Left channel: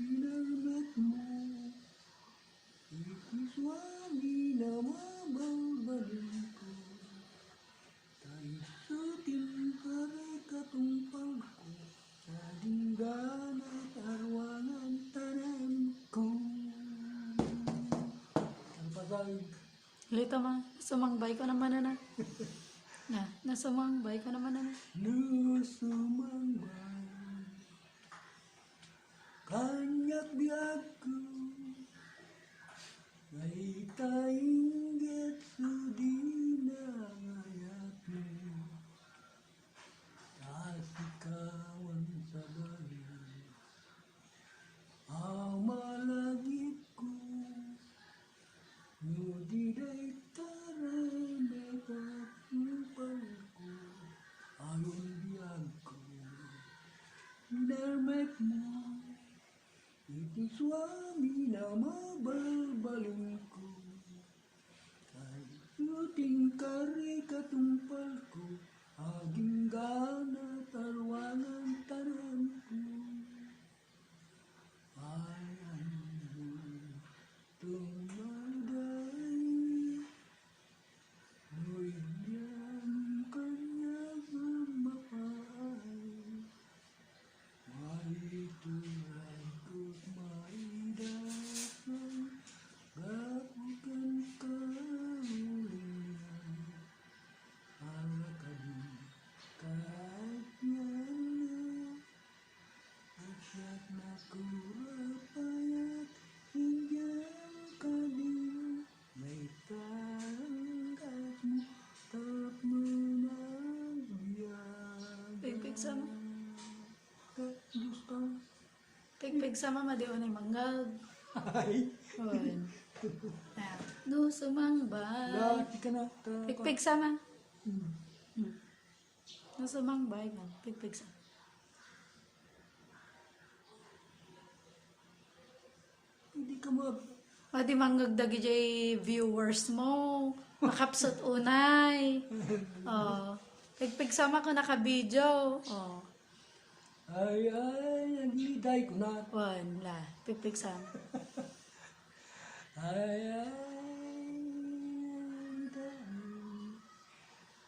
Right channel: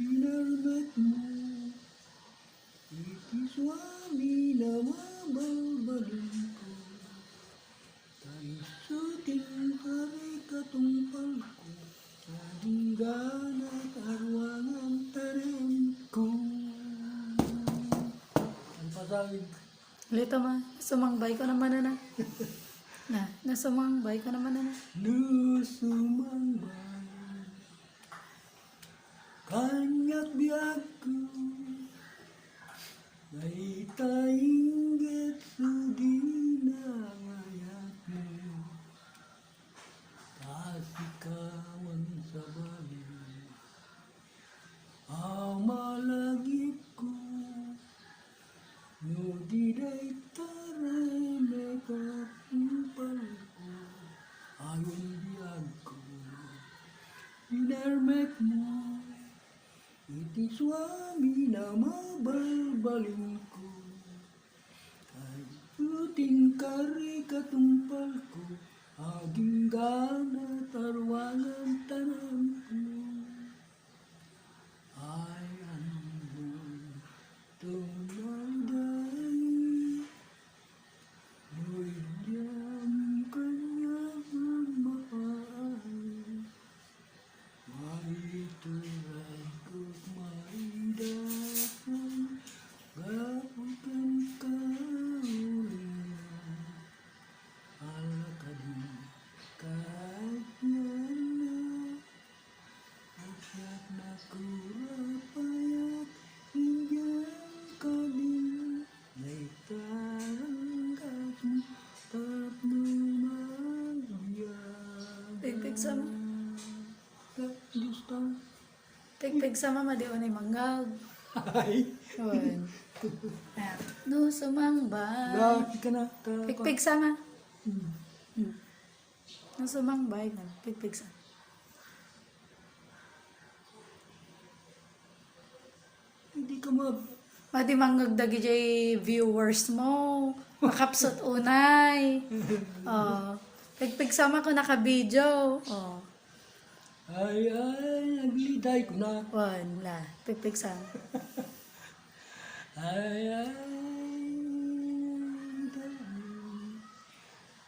Pinarmat mo, itiswami na mababaling ko. Taisuting kare katumpal ko, adinggan at arwangan tarim ko. Ang pasagin. Lito ma, sumangbay ko naman na. Nasumangbay ko naman na. Nusumangbay, kanyak biyag ko, may tainggit sudi na ngayak mo, kasikawan sa babi, amalagip ko, no diday taray may kapumpal ko, ayon biyag ko, pinarmek mo, iti swami na mabalbaling ko, ay puting kari katumpal ko, aging gana tarwangan tanang ko. Ay anong tumaday, mo'y diyang kanyang mapaay, maituray ko't maidasan, gapukan kaulinan, alakadin kahit yan na, asyak na kurapayat, hindiyan ka din, may taranggas mo, paplumagbiyag. Pigpig sama. Gustang. Pigpig sama ma di o na mangag. Ay. Yun. No, sumangbay. Laki ka na. Pigpig sama. No, sumangbay ka. Pigpig sama. Hindi ka mag... Madi mangagdagi jay viewers mo. Makapsot unay. Pigpig sama ko naka-video. Ay, nagliday ko na. Wala. Pigpig sama. Ay,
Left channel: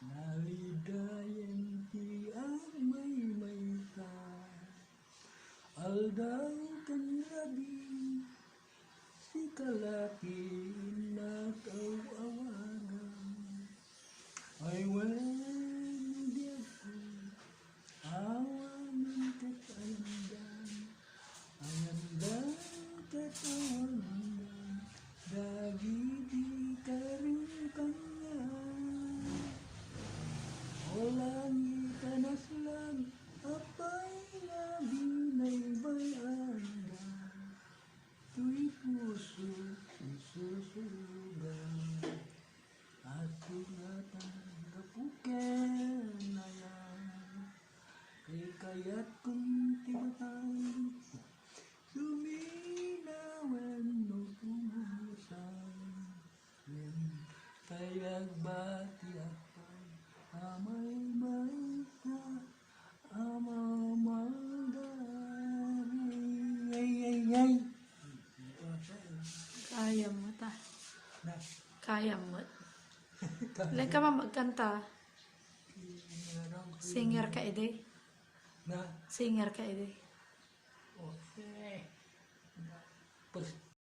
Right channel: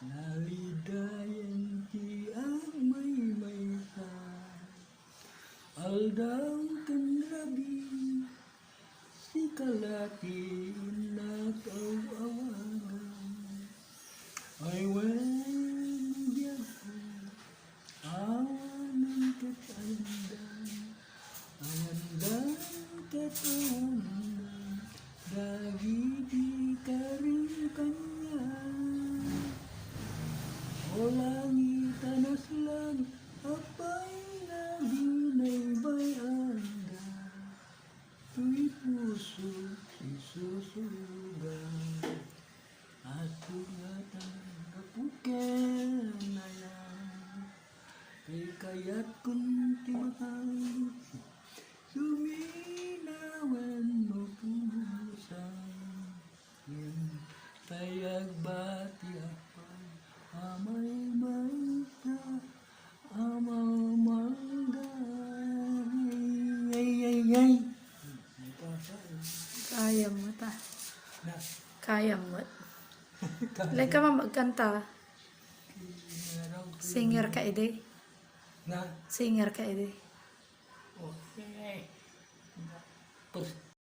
nalidayan ti ang may ka. Aldaw kan labi, si kalatin at awagan. Ay, diyan ko, awanan katandan, ayandan katawanan, dagiti ka rin kanya. O langit anaslan, apay na binay bayanda, tuy puso isusugan, at tungatan kapuken na yan, kaya't kunti matang, suminawan mo pusan, tayag bati apay, amay maita, amal manday, ay. Kaya mo ta. Na, Kaya mo. Like ka ma magkanta. Singer ka ide. na, Singer ka ide. okay.